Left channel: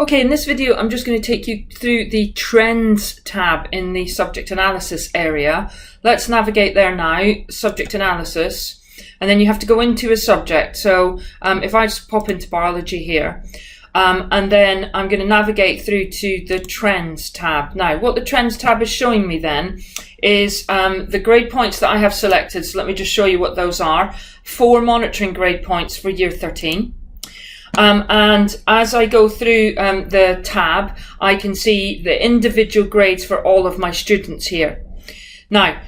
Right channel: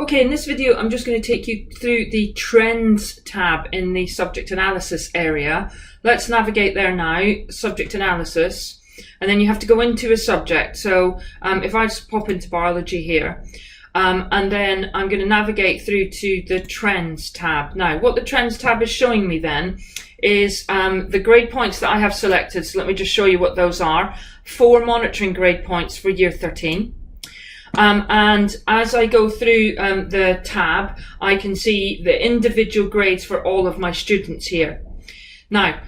Okay, in this video, I'm just going to take you through the Trends tab in the Subject Analysis area. Let's navigate there now, Subject Analysis, and then you have to go into a subject. So if I just pop into Biology here, and then I'm going to navigate through to the Trends tab. Now, what the Trends tab is showing me then is the grade points that I have selected. So let me just show you what those are. 4 monitoring grade points for Year 13. And as I go through the tab, I can see the individual grades for all of my students here. Now,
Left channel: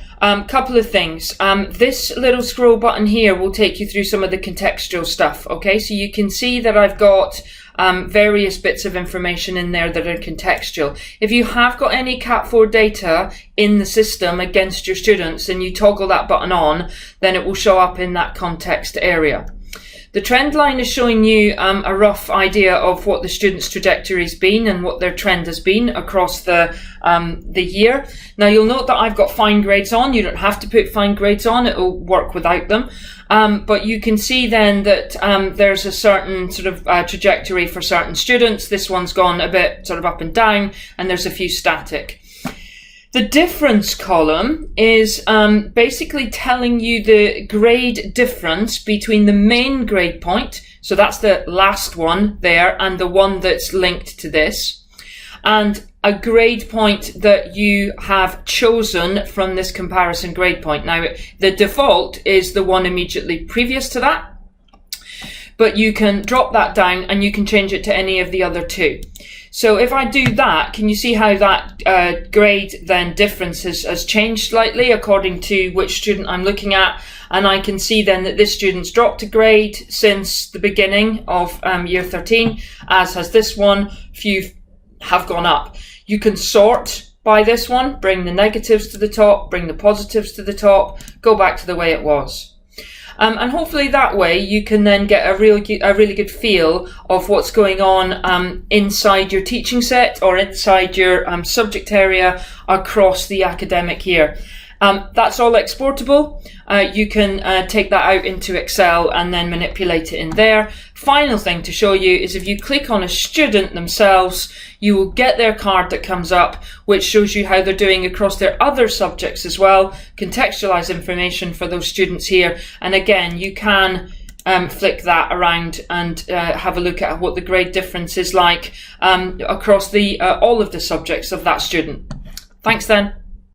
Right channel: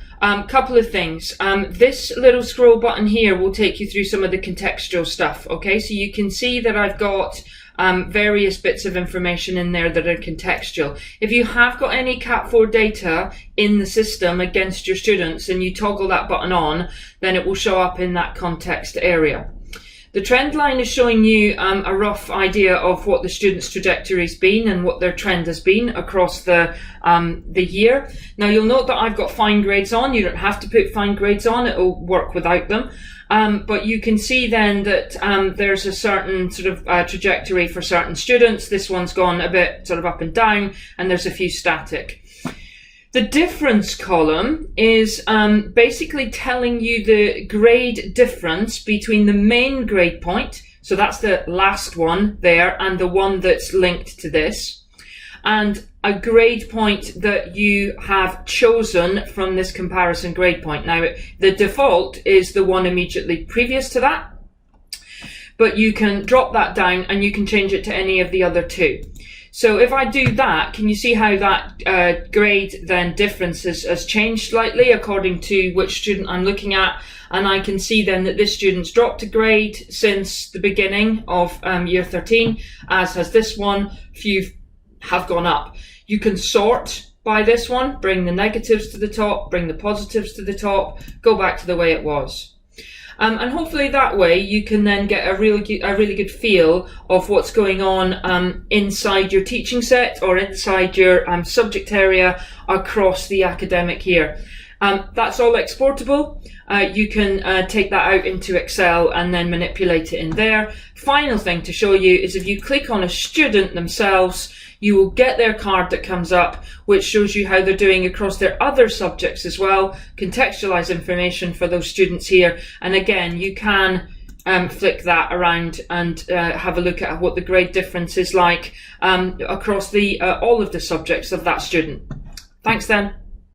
couple of things. This little scroll button here will take you through some of the contextual stuff. Okay, so you can see that I've got various bits of information in there that are contextual. If you have got any Cat 4 data in the system against your students and you toggle that button on, then it will show up in that context area. The trend line is showing you a rough idea of what the student's trajectory has been and what their trend has been across the year. Now you'll note that I've got fine grades on. You don't have to put fine grades on, it will work without them. But you can see then that there's a certain sort of trajectory for certain students. This one's gone a bit sort of up and down, and there's a few static. The difference column is basically telling you the grade difference between the main grade point, so that's the last one there, and the one that's linked to this, and a grade point that you have chosen from this comparison grade point. Now, the default is the one immediately previous to that, but you can drop that down and you can change it to any of the other two. So if I do that, can you see how that grade then difference has changed slightly according to which student I'm looking at? And I can see then that this student's dropped a grade since the beginning of Year 13, as has this one. Few have gone up. You can sort by this one, bring the negatives to the top, bring the positives to the top, go back to the way it was. And hopefully that way you can then get a really good feel of what's going on inside your teaching set or inside your subject area across the academic year. That's all exportable. You can take that out into Excel and then manipulate it in there. Final thing to show you is if you click on a student themselves, you will get their card that comes up, which shows you how they're doing across their other subjects as well, contextualize information for those students here. And again, you can flick that around and have a look at what the grade difference is like across all of the subjects of that student. Thanks then.